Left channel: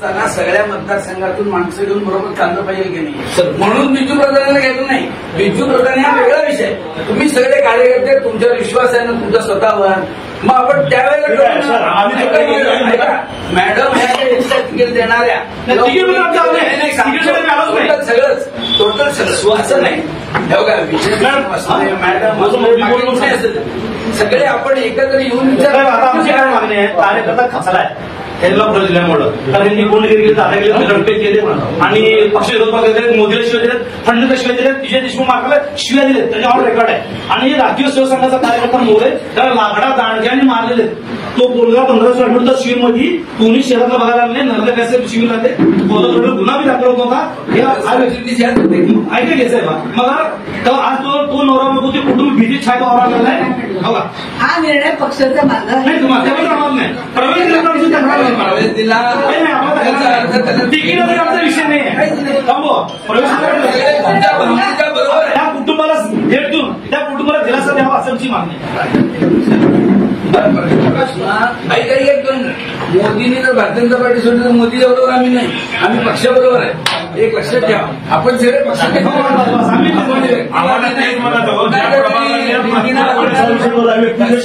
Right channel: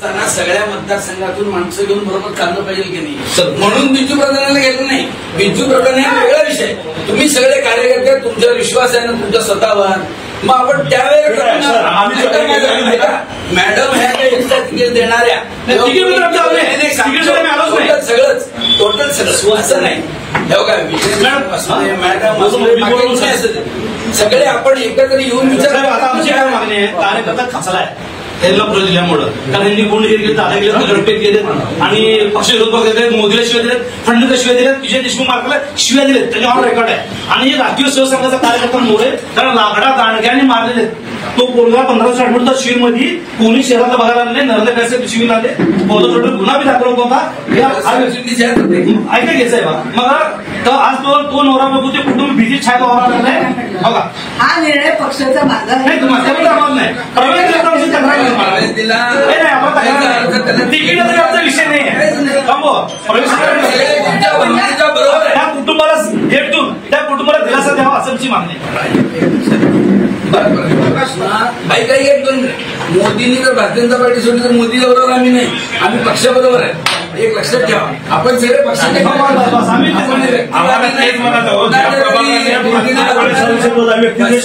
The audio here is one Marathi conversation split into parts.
सगळ्या मतदारसंघातून माणसं घेऊन बरोबर चाललं पाहिजे की नाही, म्हणून बिजू प्रधानांना घेतलं नाही. बिजू प्रधान हा वेगळा विषय. तुम्ही सगळे कार्यकर्ते तुमच्या विश्वास आहे ना तुमच्या स्वतःवर, मग आपण त्यावेळेला मॅडम ह्या तिकीट देणाऱ्या सगळंच टोटल सगळं असं नाही. मॅडम सगळे आपण एकत्र येऊन विचार. आता आमची काय मागणी आहे, कार्यकर्ता खचलाय त्यांना पुढे दिल्यामुळं, कारण त्यांनी गुंड गेले दादा गेले गडपेट गेले आणि पक्ष विरोध पक्ष मोदीला शिवाय दिलेत, फडणवीसला शिवाय दिलेत, विजय देशमुख मार्गाला शिवाय दिलेत, त्याच्या ऑन रेकॉर्ड आहे. आणि राष्ट्रीय शिवसंघाचा कार्यकर्ता मोरे त्याला लाकडा दांडग्याने मारलेले. तो पोरगा 1568 शिवीर मध्ये कोणी शहरातला बघायला आले, नर्मदा पॅसेज शिवीर आले, बौद्ध गुन्हा बी दाखल होता. ऐका घ्यायचंय बा मग तर आज तो नवरा बघू ते कुटुंब भीती छाय वावरा लागलाय. बघा हा निर्णय पक्षाचा माझा नाही, आम्हाला नाही प्रवेश दिला तिकीट विषय नाही आहे. त्या कुटुंबाला भेट देऊन त्या कुटुंबाला दिलासा द्यावा असं आमची मागणी. मोदींनी तो भारतीय जनता पार्टी सोडली तर मोदी बरोबर आम्ही नाही, आम्ही पक्षाबरोबर आहे. एक लक्षात ठेवा, आपण सगळे पक्षाचे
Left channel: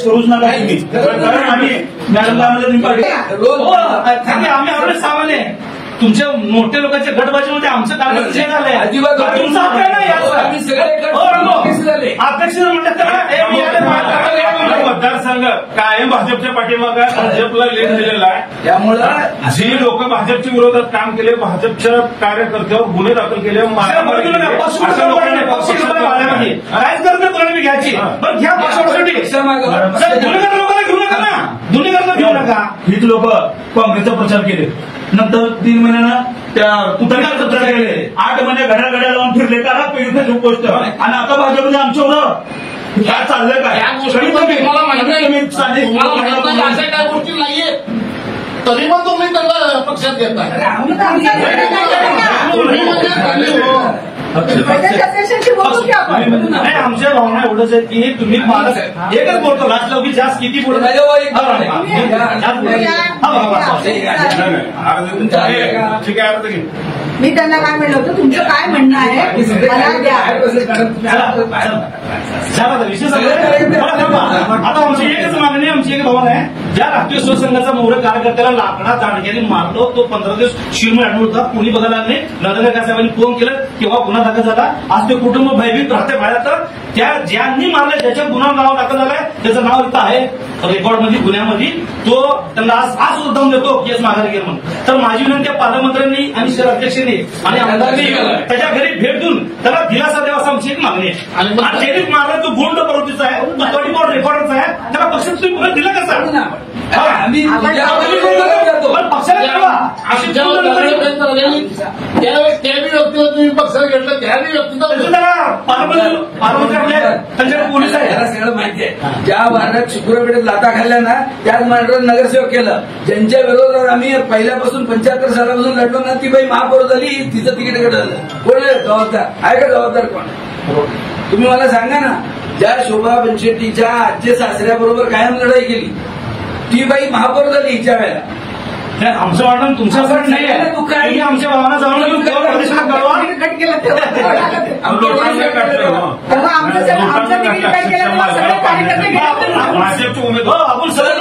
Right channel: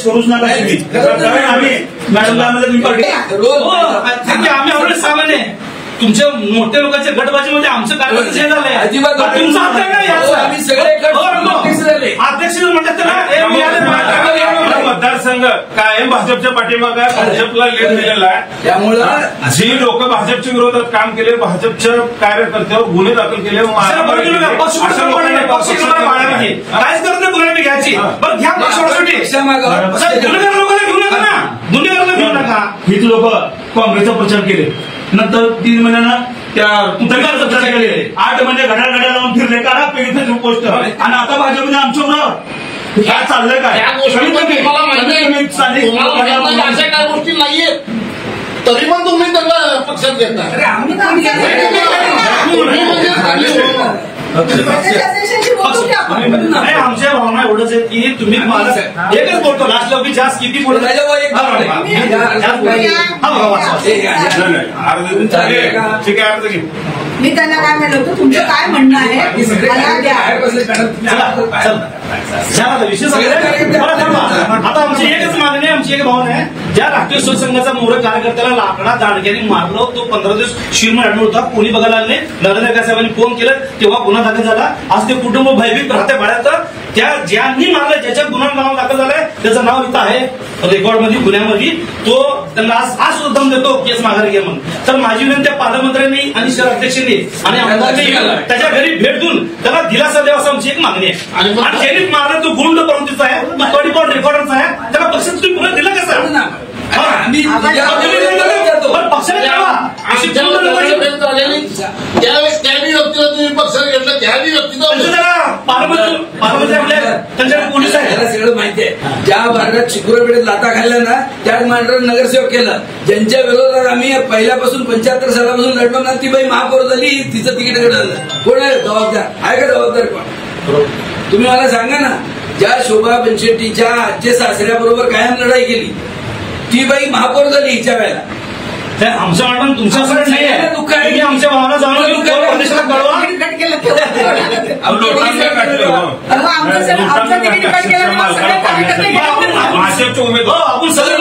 करूच नका. आम्ही एवढे सामान्य तुमच्या मोठ्या लोकांच्या गटबाजीमध्ये आमचं कार्यक्रम झालंय. अजिबात आम्ही सगळे अध्यक्ष मतदारसंघ कायम भाजपच्या पाठीमागे भाजपला लीड दिलेला आहे. त्यामुळे जी लोक भाजपच्या विरोधात काम केले, भाजपच्या कार्यकर्त्यावर गुन्हे दाखल केले, राजकारण कोणाला घ्यायची पण घ्या पक्षासाठी गुन्हेगार लोकांना घेऊ नका ना, गुन्हेगारांना घेऊ नका. हीच लोक काँग्रेसचा प्रचार केले, नंतर 3 महिन्यानं त्या पुतळ्याचा प्रचार केले, 8 महिने घड्या लावून फिरले करा पेगीचं पोस्ट. आणि आता भाजपने आमच्यावर काय चाललंय काय अशा काय गोष्टी नाहीये, तरी पण तुम्ही त्यांना पक्षात घेता. आमच्या भावना एवढंच आहे की तुम्ही एकच बोलतो लास्ट की जास्त किती बोलतो ठीक आहे. मी त्यांना काय म्हणलं होतं, तुमचं काय म्हणणं आहे आता आमची एकच मागणी, आमची एक भावना आहे. ज्या राष्ट्रीय शिवसंघाचा मोरे कार्यकर्त्याला लाकडा दांडग्याने मारलो, तो 15 दिवस शिरमळ ऍडमिट होता, कोणी बघायला आले, नरेंद्र साहेबांनी फोन केला तेव्हा गुन्हा दाखल झाला. आज ते कुटुंब भयभीत राहते बाळ्यात. त्या ज्यांनी मारले ज्याच्या गुन्हा नाव दाखल झालाय त्याचं नाव इथं आहे रेकॉर्डमध्ये गुन्ह्यामध्ये. तो त्यांना आज सुद्धा देतो केस माघारी घे म्हणून. तर माझी विनंती पालकमंत्र्यांनी आणि शहर अध्यक्षांनी आणि आमदारांनी त्याच्या घरी भेट देऊन त्याला दिलासा द्यावा असं आमची एक मागणी आहे. आणि ज्यांनी मारला तो गुंड प्रवृत्तीचा आहे, तो रेकॉर्डरचा आहे, त्याला पक्षात तुम्ही पुढे दिला कसं? आम्ही पक्षाला त्यावेळेस त्याही व्यक्तीला तुम्ही पक्षात घेतलं, त्याही व्यक्तीचा पोलीस आहे, याला सगळं माहिती आहे. ज्या वार्डात चिकुरापेठेत लाता खाल्ल्या ना त्याच मांडरात नगरसेवक केलं, ज्यांच्या विरोधात आम्ही पहिल्यापासून 75 सालापासून लढलो ना, ती बाई महापौर झाली, तिचं तिकीट घडलं. कोण आहे जबाबदार? आहे का जबाबदार कोण? तुम्ही मला सांगा ना. ज्या शोभा बनशेट्टीच्या आजचे सासऱ्याबरोबर कायम लढाई केली, ती बाई महापौर झाली हिच्या वेळेला. आमचं वाटण तुमच्यासाठी नाही आहे, दुःख आहे की आमच्या भावना जाणून घेऊन प्रदेशाला कळवा. कट केलं आमचं तिकीट कट केलं, भाजपचे उमेदवार आपण सगळे